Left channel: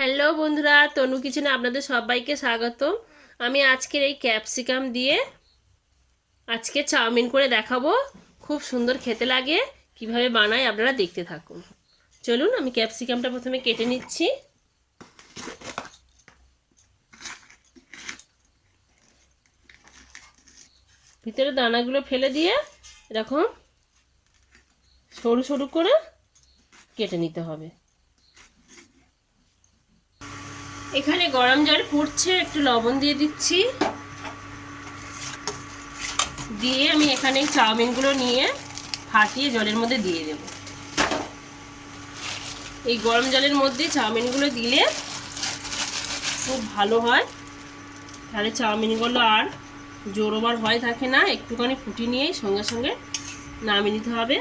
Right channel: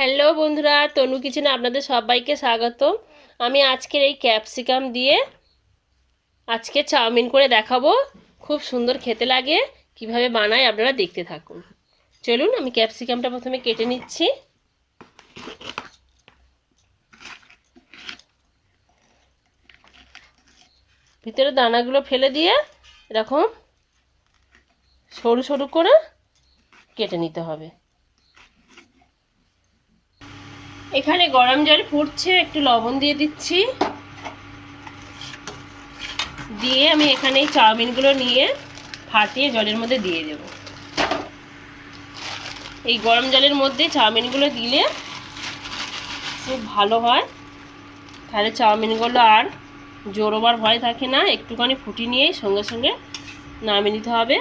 Hello বন্ধুরা, তনু কিচেনে আপনাদের সবাইকে স্বাগত। আমি আজকের এই ক্যাপসিকাম দিয়ে আজকে চাউমিন করে দেখাবো। খুব সুন্দর খেতে লাগে। কিভাবে বানাই আপনারা দেখতে থাকুন। চলুন, আমি ক্যাপসিকামটা প্রথমে কেটে নিচ্ছি। ভিতরে দানাগুলো ফেলে দিয়ে এরকম সরু সরু করে কেটে নিতে হবে। এখানে গরম জল ফুটছে, একটু লবণ দিয়ে দিচ্ছি। দিয়ে আমি এখানে এই চাউমিনগুলো নিয়ে ফাটিয়ে জলের মধ্যে দিয়ে দেব। এই গরম জলের মধ্যে চাউমিনগুলো দিলে খুব ভালো হয়, তাহলে চাউমিনগুলো আর জোরোবার ভয় থাকে না। একটুখানি ফুটিয়ে নিয়েই সঙ্গে সঙ্গে নামিয়ে নিতে হবে।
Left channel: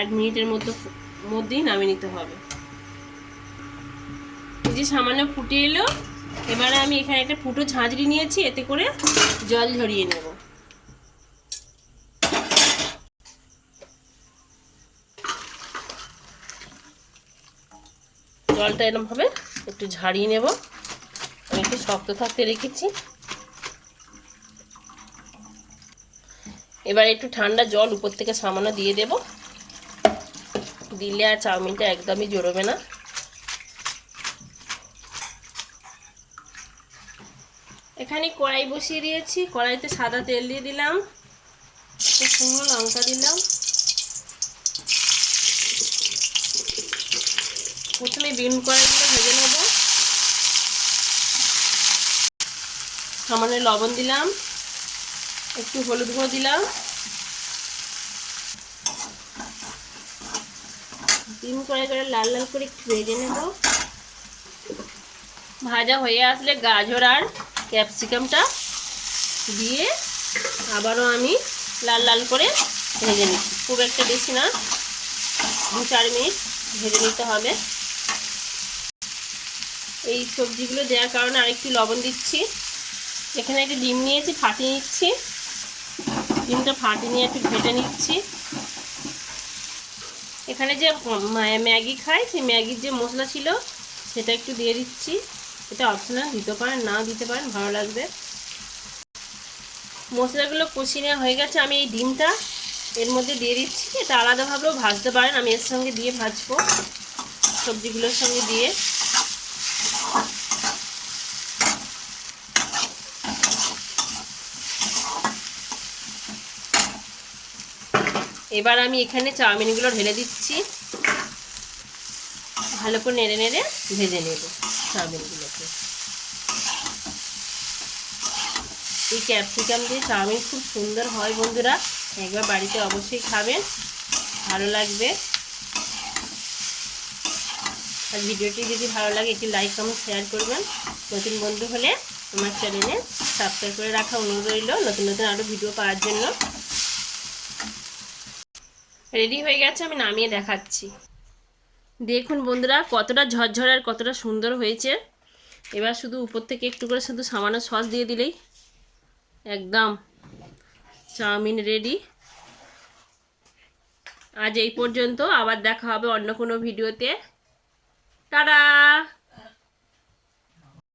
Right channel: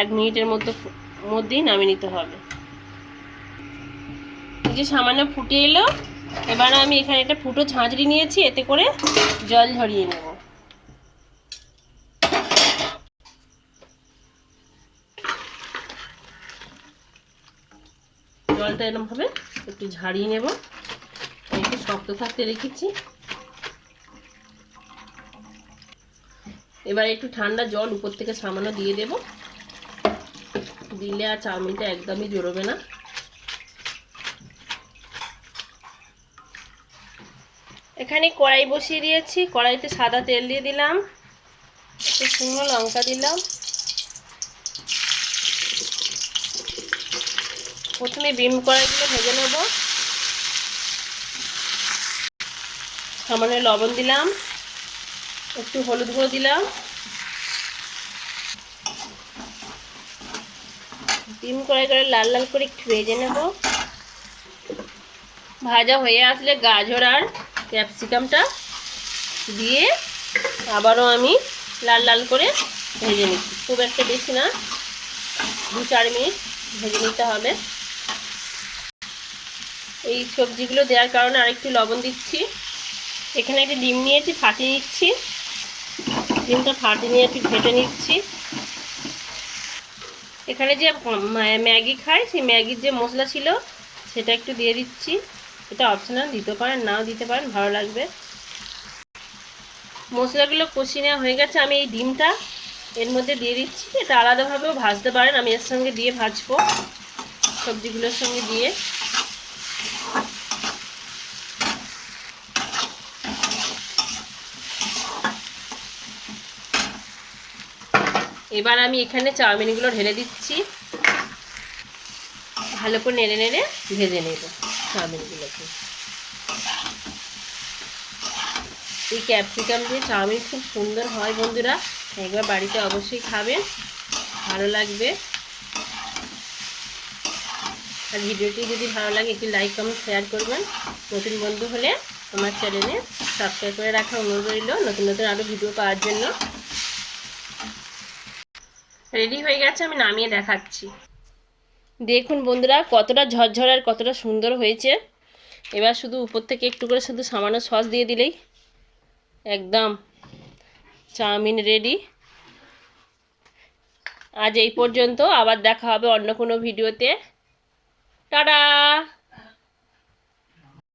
1 মিনিটের মধ্যেই নামিয়ে নিতে হবে। এই যে সামান্য ফুটে এলো, এবার আমি এখানে একটা ফুটো ঝাঁঝরি নিয়েছি, এতে করে জল ঝরিয়ে নেব। জলটা এরকমভাবে একটু ঝাড়িয়ে নেব। একটু শক্ত থাকতে রেখেছি। এবার একটু ঠান্ডা জল উপর থেকে সামান্য দিয়ে দেব। দিলে আর চাউমিনটা একদমই জড়বে না। এখানে কড়াই বসিয়ে দিয়েছি। কড়াইতে সাদা তেল দিয়ে দিলাম, একটু শুকনো লঙ্কা দিলাম। প্রথমে বিম কড়াইগুলো ভেজে নেব। সামান্য লবণ দিলাম, একটু হলুদ গুঁড়ো দিলাম। বিম কড়াই করে লাল লাল করে একটু ভেজে নেব। ভাজা হয়ে আসলে গাজর আর ক্যাপসিকামটা দিয়ে আবারও আমি লাল লাল করে ভেজে নিচ্ছি। খুব একটা বেশি না, 2-4 মিনিট ভেজে নিতে হবে। এই সবজিগুলো দেওয়ার কারণে আরেকটু লবণ দিচ্ছি। এখানে একটা ডিম নিয়েছি, ফাটিয়ে নিচ্ছি। ডিমটা ফাটিয়ে নিয়ে একটু ঘেটে নিচ্ছি। এখানে যে ম্যাগি খাই, সেই ম্যাগির যে মশলা ছিল সেটা একটু দিয়ে দিচ্ছি। এটা অপশনাল, দিতে পারেন নাও দিতে পারেন, ভালো লাগবে। মশলাগুলো কষিয়ে নেওয়া হয়ে গেছে। আমি এই ডিমটা এর মধ্যে দিয়ে দিচ্ছি। এটা আলাদাভাবেও ভাজতে পারেন, আমি এর সঙ্গে দিয়ে ভাজবো, সবজিগুলোর সঙ্গে দিয়ে। এবার আমি এখানে চাউমিনগুলো ঢেলে দিচ্ছি। ভালো করে নেড়ে নেড়ে ভেজে নেব চাউমিনগুলোকে। এই ক্যাপসিকাম দিয়ে চাউমিন খুব সুন্দর হয় বন্ধুরা, একবার বাড়িতে অবশ্যই খাবেন, ভালো লাগবে। আর ভিডিওটি যদি ভালো লাগে একটি লাইক কমেন্ট শেয়ার করবেন। নতুন বন্ধু হলে আমার চ্যানেলে সাবস্ক্রাইব করে রাখা অনুরোধ রইল, নতুন নতুন আরও ভিডিও পাওয়ার জন্য। রেডি হয়ে গেছে, আমি নামিয়ে দেখাচ্ছি। দেখুন বন্ধুরা, কতটা ঝরঝরে আর কতটা সুন্দর হয়েছে। এবার শুধু উপর থেকে একটু করে শুধু সামান্য সস দিয়ে দিলেই একদম চাউমিন রেডি। আজ এই পর্যন্ত, আবার দেখা হবে অন্য কোনো ভিডিওতে। টাটা।